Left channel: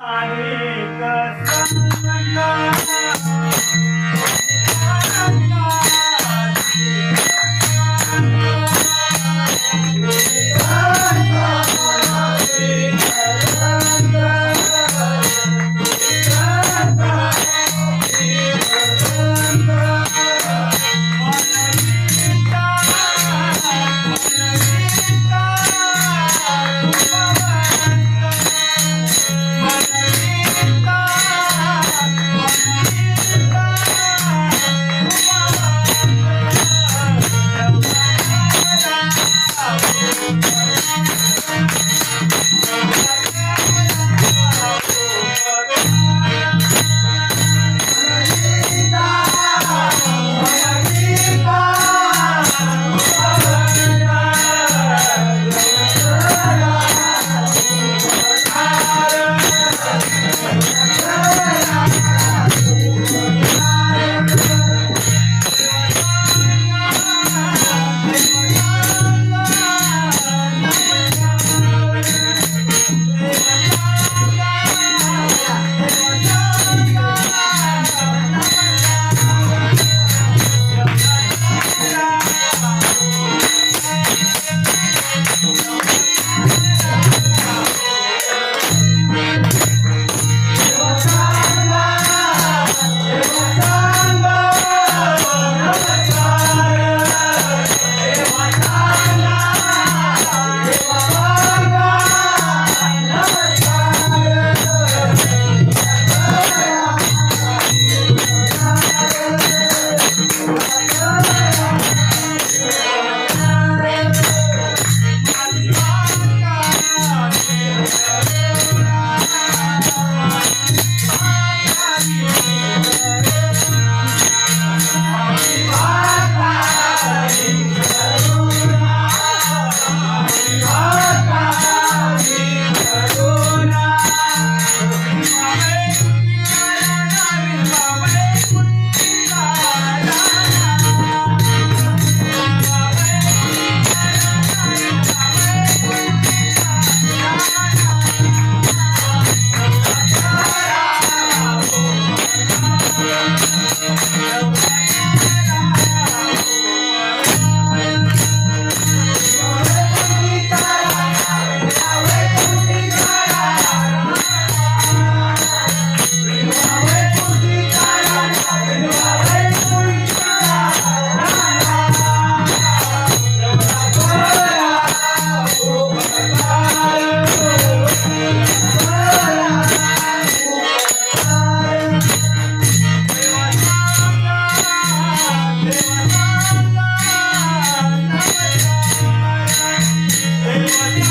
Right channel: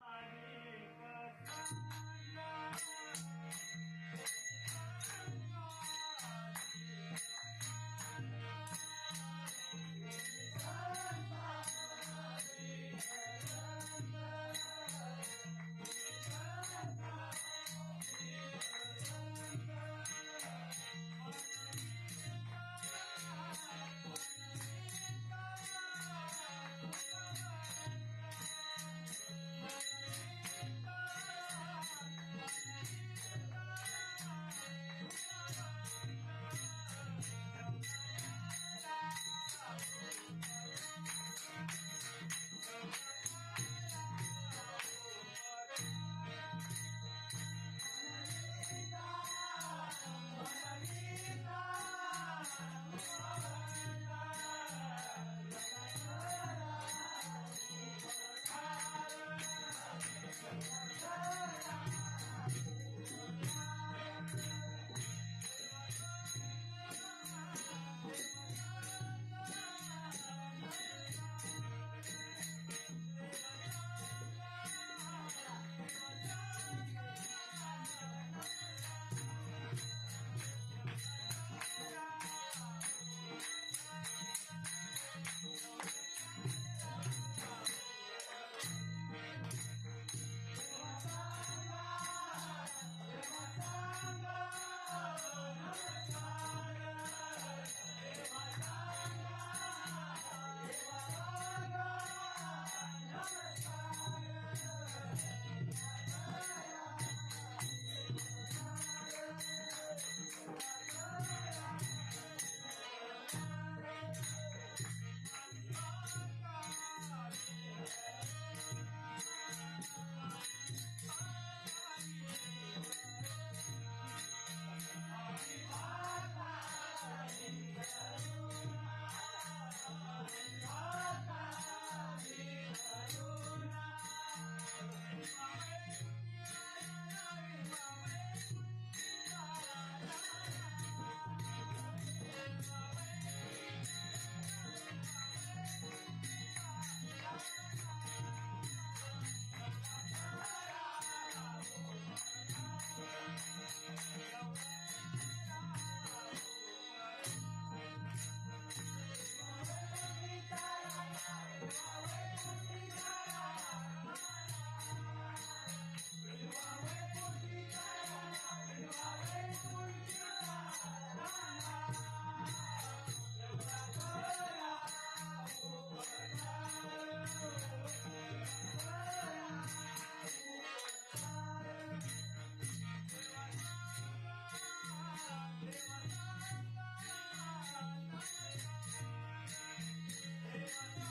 I need the sun. Yeah.